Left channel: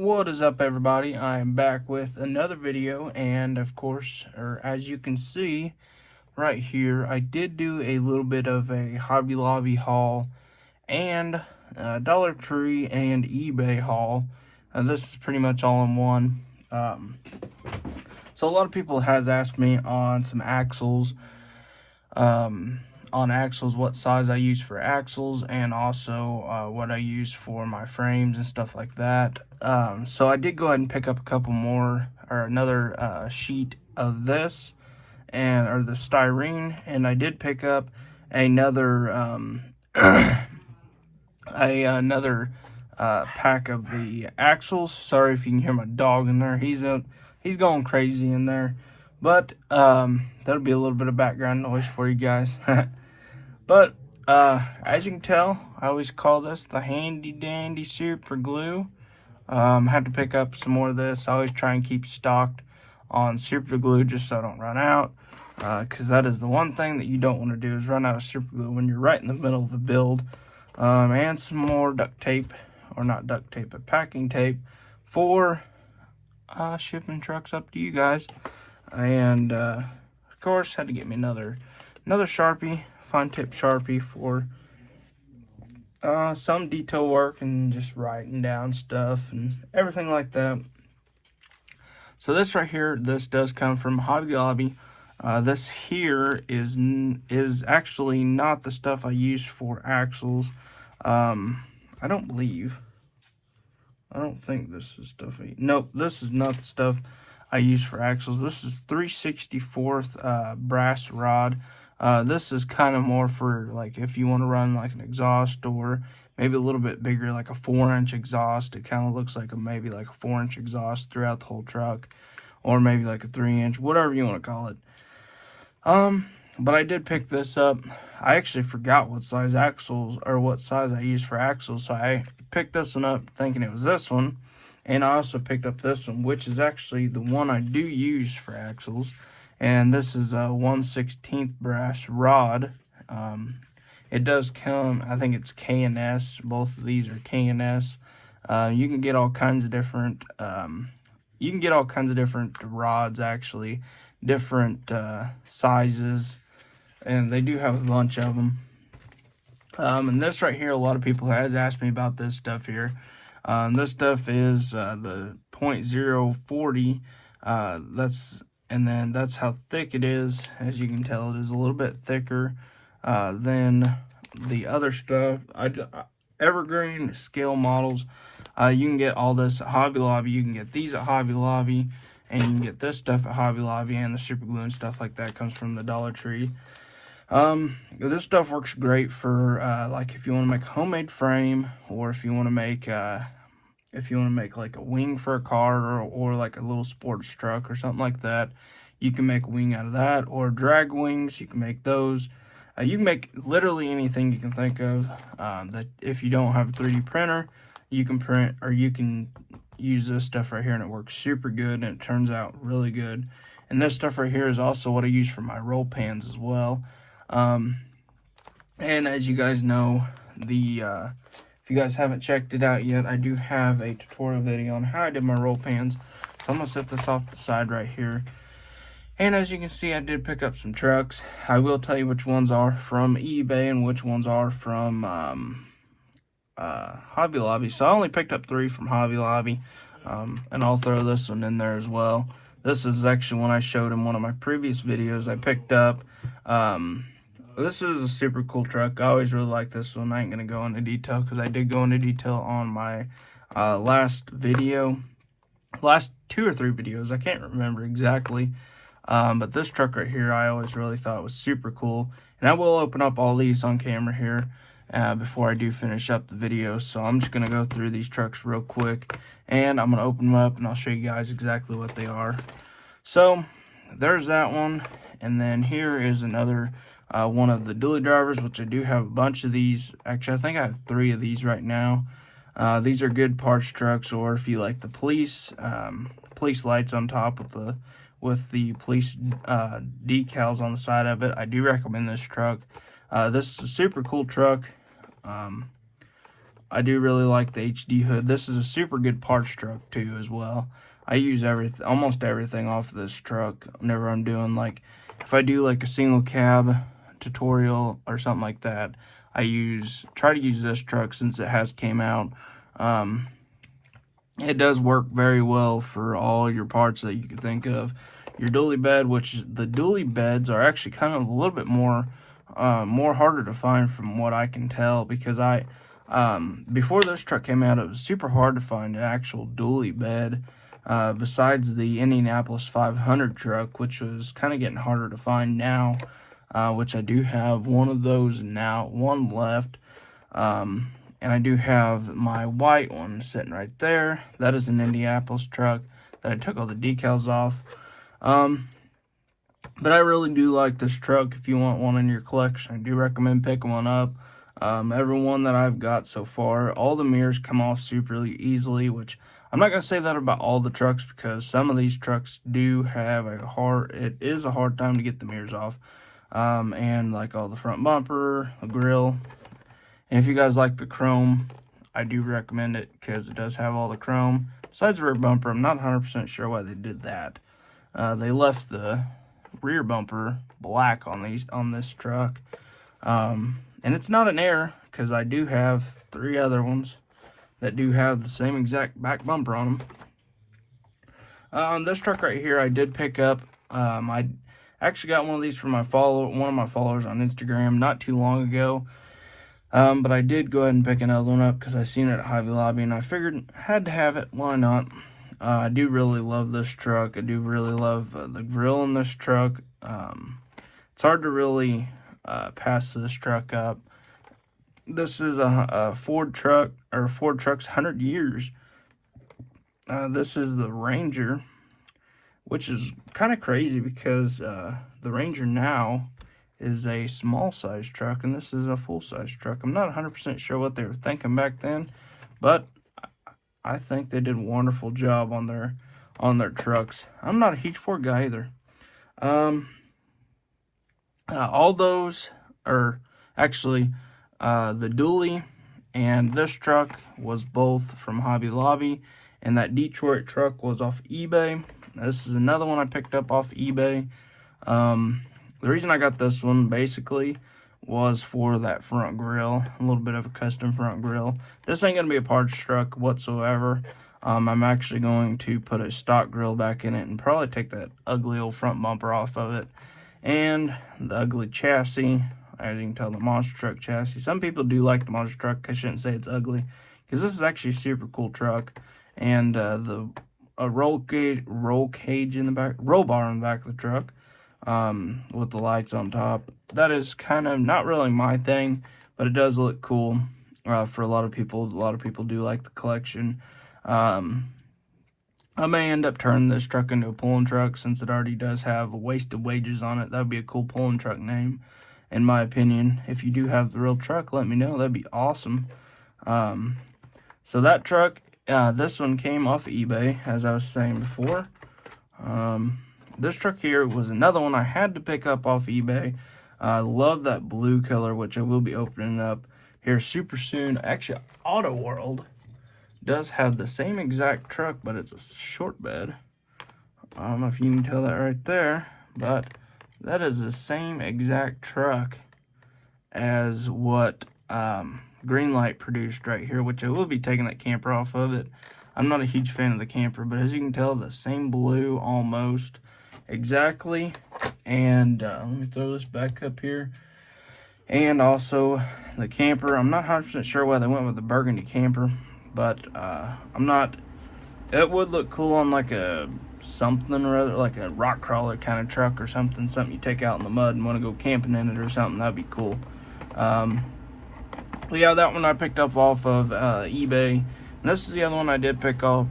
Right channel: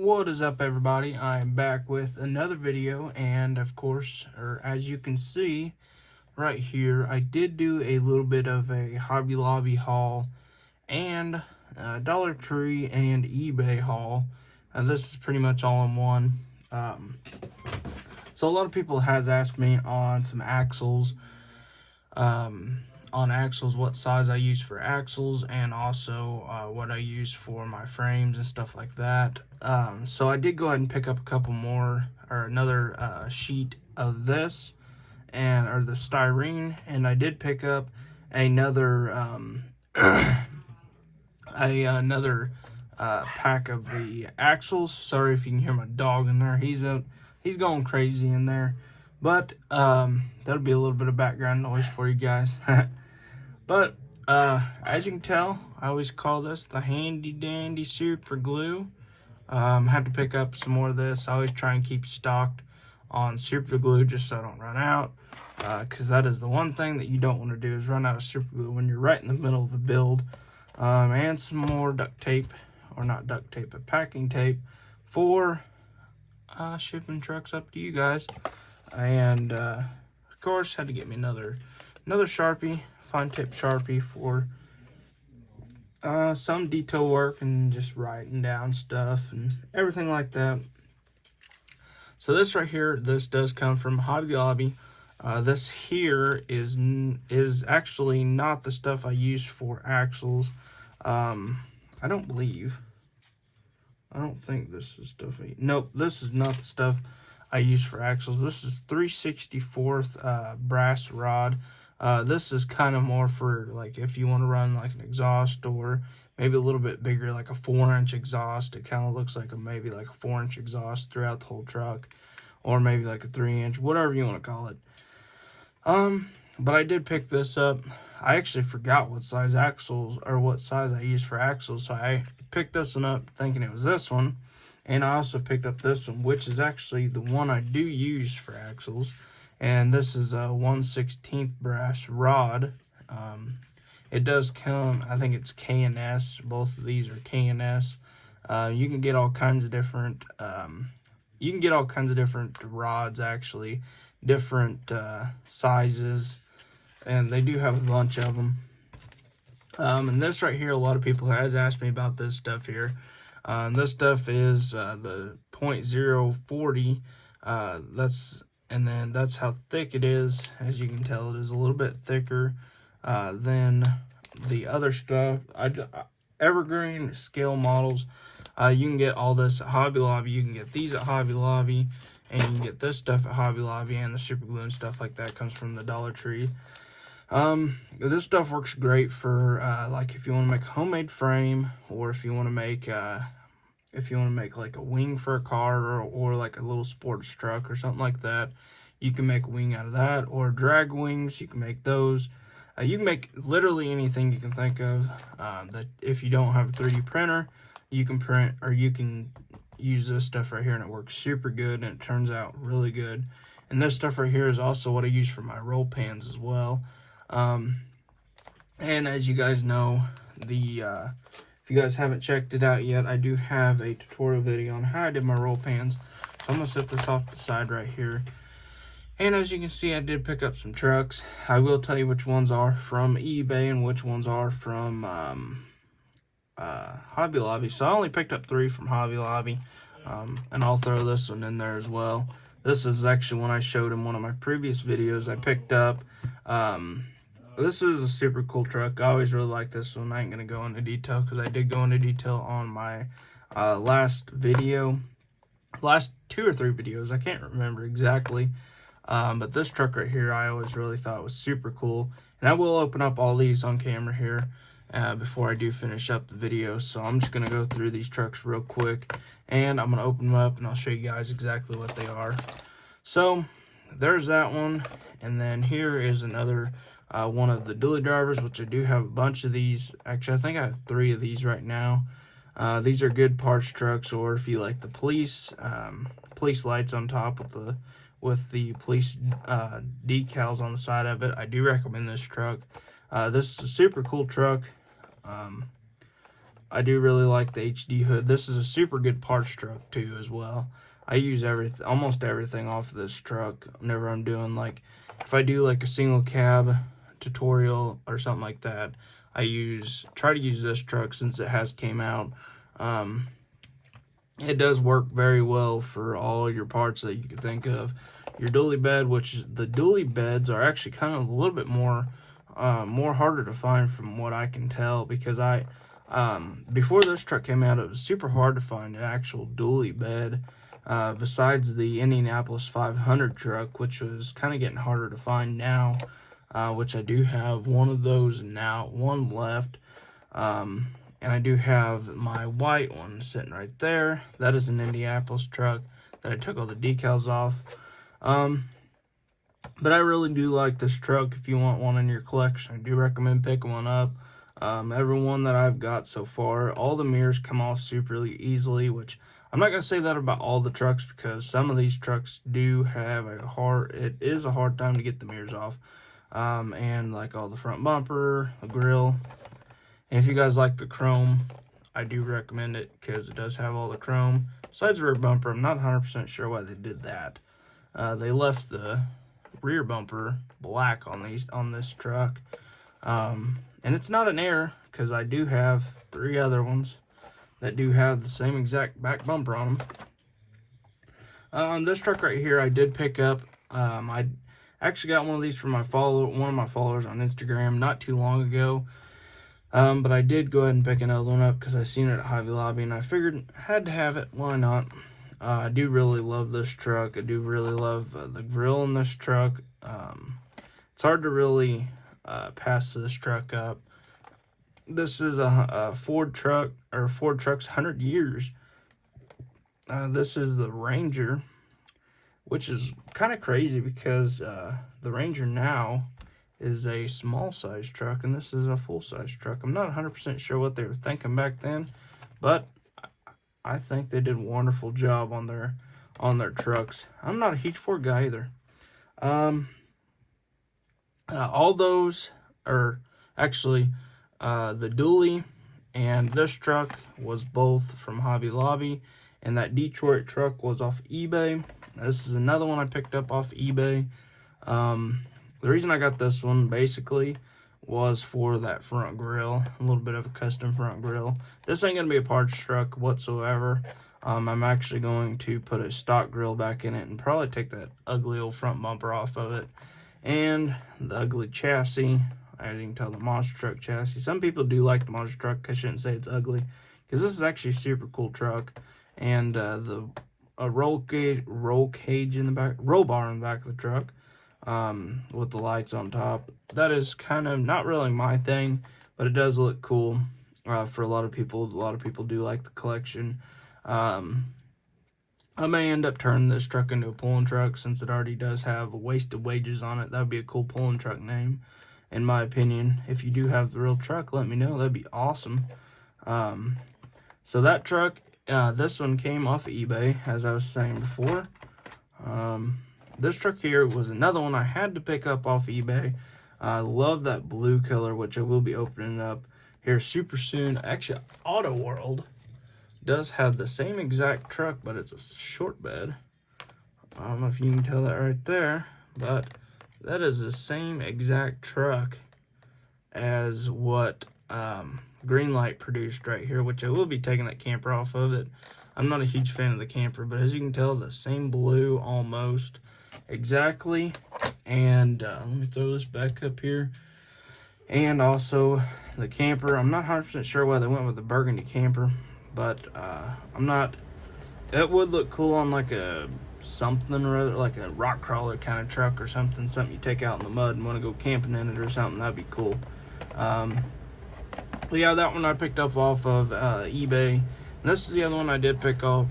What is up, everybody? I'm back with another video, and of course, as you can see right here, I did do a little bit of a Hobby Lobby haul and Dollar Tree and eBay haul. This is pretty much all in one. So a lot of people has asked me on some axles, what size I use for axles, and also what I use for my frames and stuff like that. So I did go ahead and pick up a couple more, or another sheet of this, or the styrene, and I did pick up another another pack of the axles. Sorry if you can hear my dog in there. He's going crazy in there, but that'll be a little bit of background noise for you guys. But as you can tell, I always call this the handy dandy super glue. I had to pick up some more of this. I always try and keep stocked on super glue just so I don't run out, because that is the one thing that you don't want to do, is run out of super glue when you're right in the middle of a build. And some more duct tape, or not duct tape, but packing tape for shipping trucks up to you guys. And of course, had to get me another Sharpie, fine tip Sharpie for some detail work and just writing down stuff and everything like that. So this right here, this does come from Hobby Lobby. This here is actually not the stuff I use for axles. I don't think this is stuff. Nope, this is not the stuff I use for axles. This is 3/64 brass rod. This is kind of more for, like, if you want to run like an exhaust, or maybe a little bit bigger, like a 4-inch exhaust. It kind of looks like maybe like a 4-inch exhaust throughout the whole truck, or maybe like a 3-inch, whatever you want to call it. But I did pick this up. I actually forgot what size axles, or what size I use for axles, so I picked this one up thinking it was this one. And I also picked up this one, which is actually the one I do use for axles. And this is a 1/16 brass rod. It does come, I think it's K&S. Both of these are K&S. You can get all kinds of different, rods, actually, different sizes, and they do have a bunch of them. And this right here, a lot of people has asked me about this stuff here. This stuff is the .040. And then that's how thick it is. As you can tell, it is a little bit thicker than the other stuff. Evergreen scale models. You can get all this at Hobby Lobby. You can get these at Hobby Lobby, and you can get this stuff at Hobby Lobby, and the super glue and stuff like that comes from the Dollar Tree. This stuff works great for like if you want to make a homemade frame, or if you want to make like a wing for a car, or like a little sports truck or something like that. You can make a wing out of that, or drag wings. You can make those. You can make literally anything you can think of. That if you don't have a 3D printer, you can print, or you can use this stuff right here, and it works super good, and it turns out really good. And this stuff right here is also what I use for my roll pans as well. And as you guys know, if you guys haven't checked it out yet, I do have a tutorial video on how I did my roll pans. So I'm going to set this off the side right here. And as you can see, I did pick up some trucks. I will tell you which ones are from eBay and which ones are from Hobby Lobby. So I only picked up 3 from Hobby Lobby. And I'll throw this one in there as well. This is actually one I showed in one of my previous videos. I picked up. This is a super cool truck. I always really like this one. I ain't going to go into detail, because I did go into detail on my last 2 or 3 videos. I can't remember exactly. But this truck right here, I always really thought was super cool. And I will open up all these on camera here before I do finish up the video. So I'm just going to go through these trucks real quick, and I'm going to open them up, and I'll show you guys exactly what they are. So there's that one. And then here is another one of the dually drivers, which I do have a bunch of these. Actually, I think I have 3 of these right now. These are good parts trucks, or if you like the police lights on top with the police decals on the side of it, I do recommend this truck. This is a super cool truck. I do really like the HD hood. This is a super good parts truck too as well. I use almost everything off of this truck whenever I'm doing, like, if I do like a single cab tutorial or something like that, I try to use this truck since it has came out. It does work very well for all your parts that you can think of. Your dually bed, which the dually beds are actually kind of a little bit more harder to find from what I can tell, because before this truck came out, it was super hard to find an actual dually bed. Besides the Indianapolis 500 truck, which was kind of getting harder to find now, which I do have one of those now, one left. And I do have my white one sitting right there. That is an Indianapolis truck that I took all the decals off. But I really do like this truck. If you want one in your collection, I do recommend picking one up. Every one that I've got so far, all the mirrors come off super easily, which I'm not going to say that about all the trucks, because some of these trucks do have it is a hard time to get the mirrors off. And like all the front bumper, the grill. And if you guys like the chrome, I do recommend it because it does have all the chrome. Besides the rear bumper, I'm not 100% sure why they did that. They left the rear bumper black on this truck. And it's not an error, because I do have 3 other ones that do have the same exact back bumper on them. This truck right here I did pick up. I actually got one of these from one of my followers on Instagram not too long ago. But I did go ahead and pick another one up because I seen it at Hobby Lobby, and I figured I had to have it. Why not? I do really love this truck. I do really love the grill in this truck. It's hard to really pass this truck up. This is a Ford truck, or Ford truck's 100 years. This is the Ranger, which is kind of crazy because the Ranger now is a small size truck, and this is a full size truck. I'm not 100% sure what they were thinking back then, but I think they did a wonderful job on their trucks. I'm not a huge Ford guy either. All those are actually the dually and this truck was both from Hobby Lobby, and that Detroit truck was off eBay. This is another one I picked up off eBay. The reason I got this one basically was for that front grille, a little bit of a custom front grille. This ain't going to be a parts truck whatsoever. I'm actually going to put a stock grille back in it and probably take that ugly old front bumper off of it. And the ugly chassis, as you can tell, the monster truck chassis. Some people do like the monster truck. I shouldn't say it's ugly, because this is actually a super cool truck. And a roll cage in the back, roll bar in the back of the truck. With the lights on top. That is kind of not really my thing, but it does look cool for a lot of people. A lot of people do like the collection. I may end up turning this truck into a pulling truck, since it already does have a Wasted Wages on it. That would be a cool pulling truck name, in my opinion. If you do have the real truck, let me know. That'd be awesome. So that truck, this one came off eBay, as I was saying before. This truck here was another one I had to pick up off eBay. I love that blue color, which I will be opening up here super soon. Actually, Auto World does have the same exact truck, but it's a short bed. I don't know if you can tell that right there, but that is the same exact truck as what Greenlight produced right here, which I will be taking that camper off of it. I'm not a huge fan of the camper, but as you can tell, the same blue almost exactly. And let me throw this back up here. And also the camper, I'm not 100% sure why they went with the burgundy camper, but I'm not, it would look cool on like a something or other, like a rock crawler kind of truck or something you take out in the mud and want to go camping in it or something. That'd be cool. Yeah, that one I picked up off of eBay. And this is the other one I did pick up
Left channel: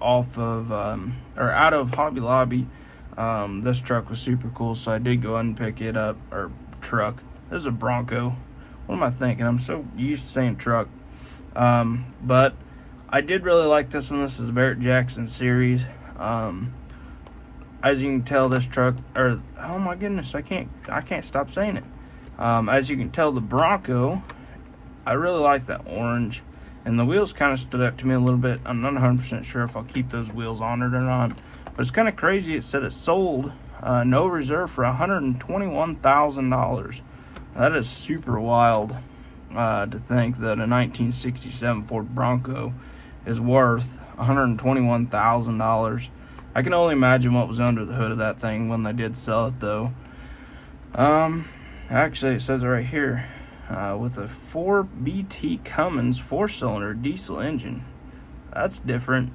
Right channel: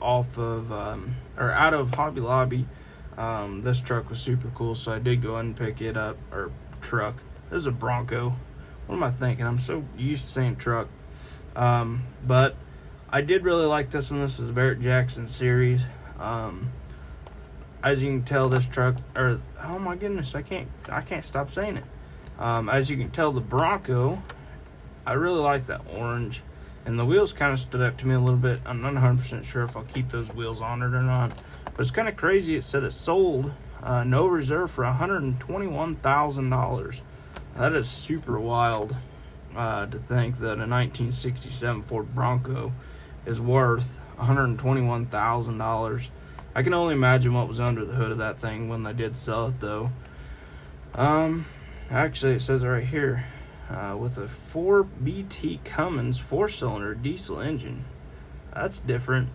off of, or out of Hobby Lobby. This truck was super cool, so I did go ahead and pick it up, or truck. This is a Bronco. What am I thinking? I'm so used to saying truck. But I did really like this one. This is a Barrett Jackson series. As you can tell, this truck, or oh my goodness, I can't stop saying it. As you can tell, the Bronco, I really like that orange. and the wheels kind of stood out to me a little bit. I'm not 100% sure if I'll keep those wheels on it or not, but it's kind of crazy. It said it sold no reserve for $121,000. That is super wild to think that a 1967 Ford Bronco is worth $121,000. I can only imagine what was under the hood of that thing when they did sell it, though. Actually, it says it right here, with a 4BT Cummins 4-cylinder diesel engine. That's different.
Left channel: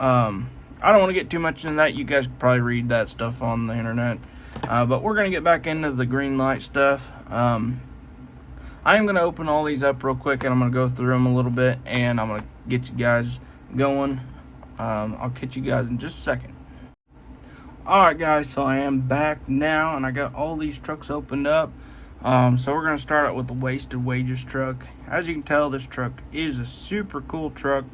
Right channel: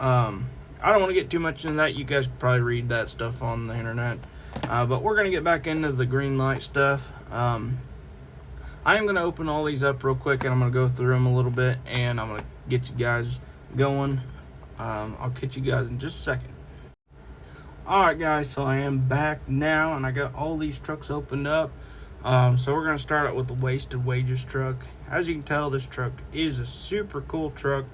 I don't want to get too much into that. You guys can probably read that stuff on the internet. But we're going to get back into the green light stuff. I am going to open all these up real quick, and I'm going to go through them a little bit, and I'm going to get you guys going. I'll catch you guys in just a second. Alright guys, so I am back now, and I got all these trucks opened up. So we're going to start out with the Wasted Wages truck. As you can tell, this truck is a super cool truck.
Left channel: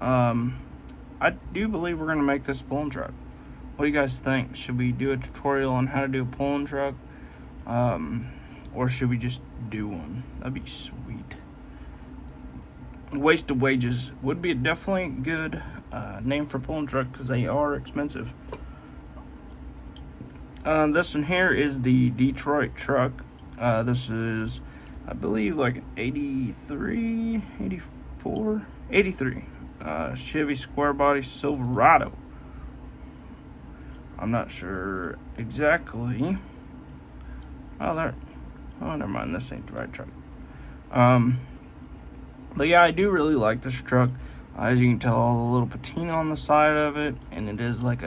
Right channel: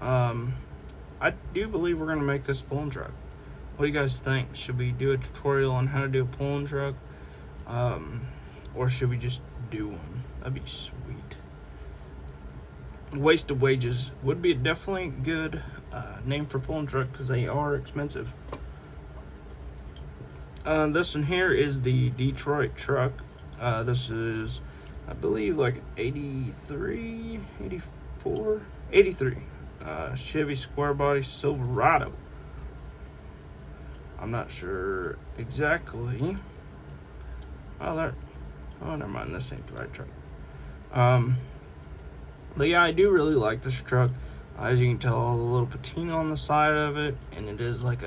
I do believe we're going to make this a pulling truck. What do you guys think? Should we do a tutorial on how to do a pulling truck? Or should we just do one? That'd be sweet. Wasted Wages would be a definitely good name for pulling truck because they are expensive. This one here is the Detroit truck. This is, I believe, like 83, 84, 83. Chevy square body Silverado. I'm not sure exactly. Oh, there. Oh, never mind. This ain't the right truck. But yeah, I do really like this truck. As you can tell, all the little patina on the side of it, and it is like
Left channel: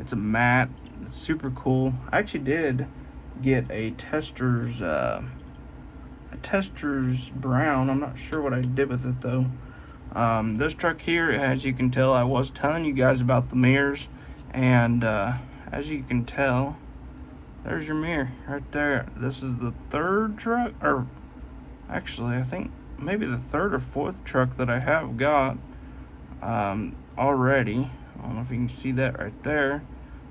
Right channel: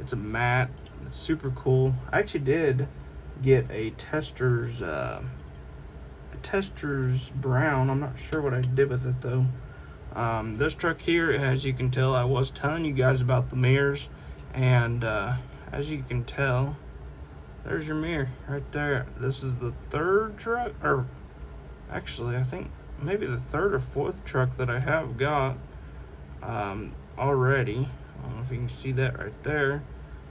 it's a matte. It's super cool. I actually did get a tester's brown. I'm not sure what I did with it though. This truck here, as you can tell, I was telling you guys about the mirrors, and as you can tell, there's your mirror right there. This is the third truck, or actually I think maybe the third or fourth truck that I have got already. I don't know if you can see that right there.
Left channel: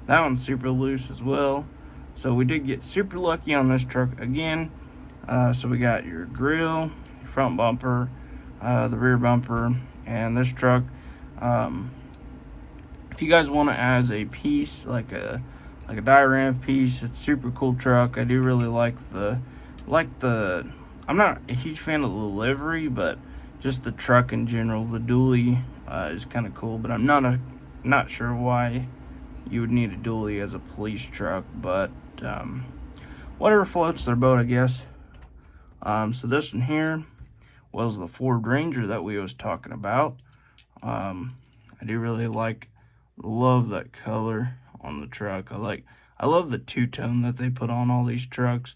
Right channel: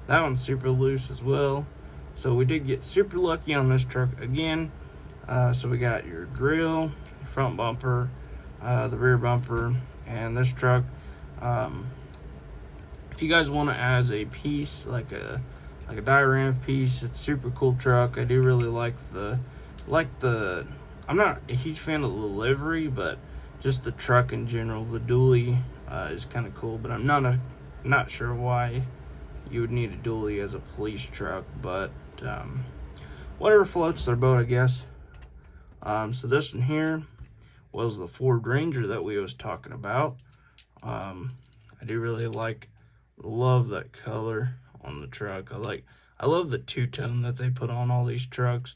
That one's super loose as well. So we did get super lucky on this truck again. So we got your grill, your front bumper, the rear bumper, and this truck. If you guys want it as a piece, like a diorama piece, it's a super cool truck. I do really like the I'm not a huge fan of the livery, but just the truck in general. The dually is kind of cool, but I'm not sure why you would need a dually as a police truck, but whatever floats their boat, I guess. So this one here was the Ford Ranger that we was talking about. I do really love that color on the truck. I love the two-tone that they put on all these trucks.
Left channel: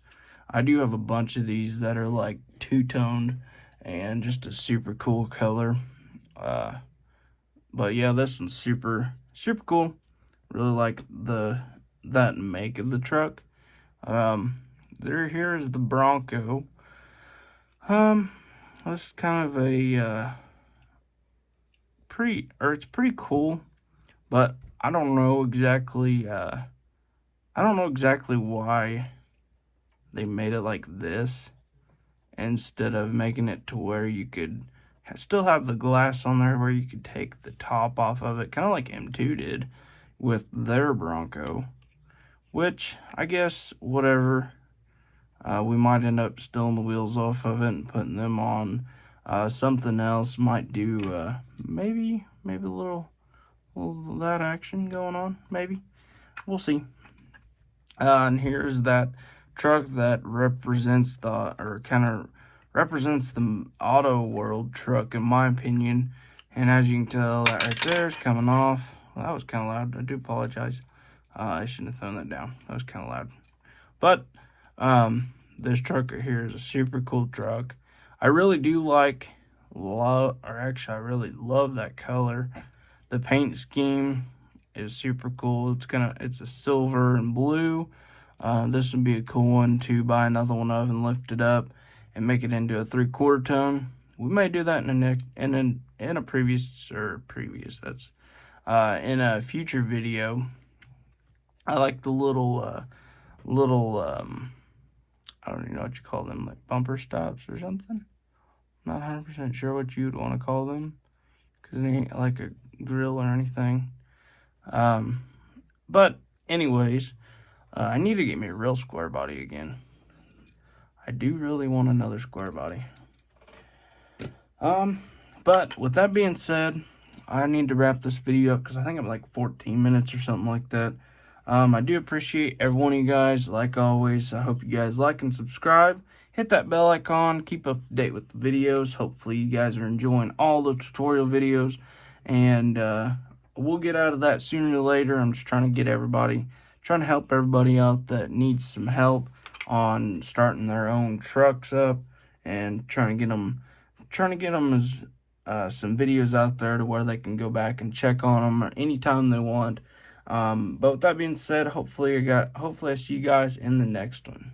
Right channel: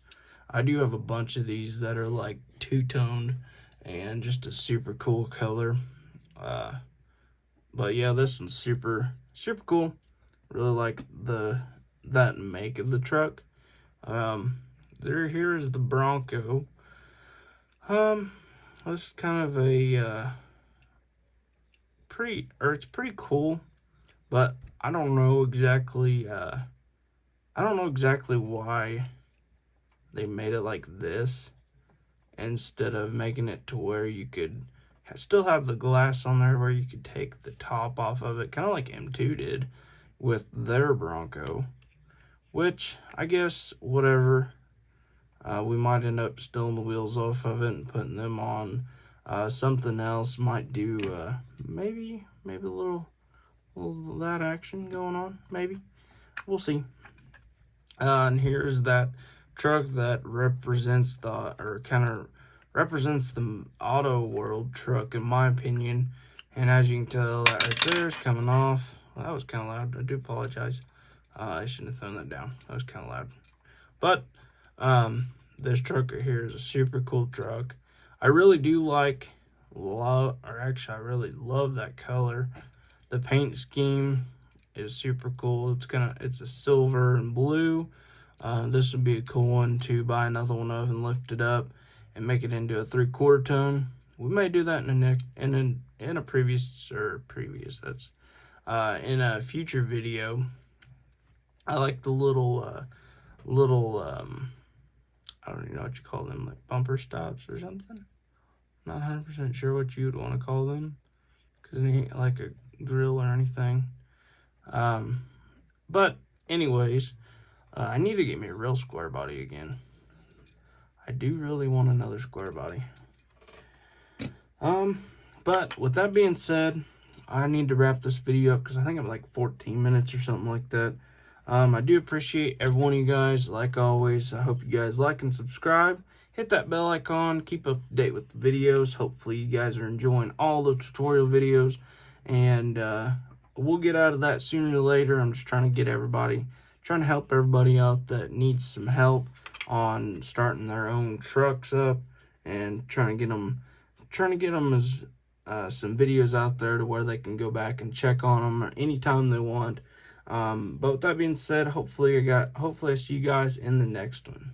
I do have a bunch of these that are like two-toned and just a super cool color. But yeah, this one's super cool. Really like that make of the truck. Here is the Bronco. This is kind of a it's pretty cool, but I don't know exactly why they made it like this instead of making it to where you could still have the glass on there where you could take the top off of it, kind of like M2 did with their Bronco, which I guess whatever. We might end up stealing the wheels off of it and putting them on something else. Might do maybe a little that action going on. Maybe we'll see. And here's that truck that represents the auto world truck, in my opinion. And as you can tell, that right there is coming off. Well, that was kind of loud. I do apologize. I shouldn't have thrown that down. That was kind of loud. But this truck right here is a super cool truck. I really do I really love that color. The paint scheme is super cool. It's a silver and blue. This would be a cool one to buy another one of and lift it up and make it into a 3/4 tone. We may do that in a future video. I like the little I don't even know what you call them, like bumper stops or something. Not 100% sure what you would want to call them, because it ain't like a grill or anything. But anyways, I need to get me a real square body again. I do really want another square body. But with that being said, I need to wrap this video up because I think I'm like 14 minutes or something like that. I do appreciate every one of you guys. Like always, I hope you guys like and subscribe. Hit that bell icon. Keep up to date with the videos. Hopefully you guys are enjoying all the tutorial videos. And we'll get out of that sooner or later. I'm just trying to help everybody out that needs some help on starting their own trucks up, and trying to get them as some videos out there to where they can go back and check on them anytime they want. But with that being said, hopefully I see you guys in the next one.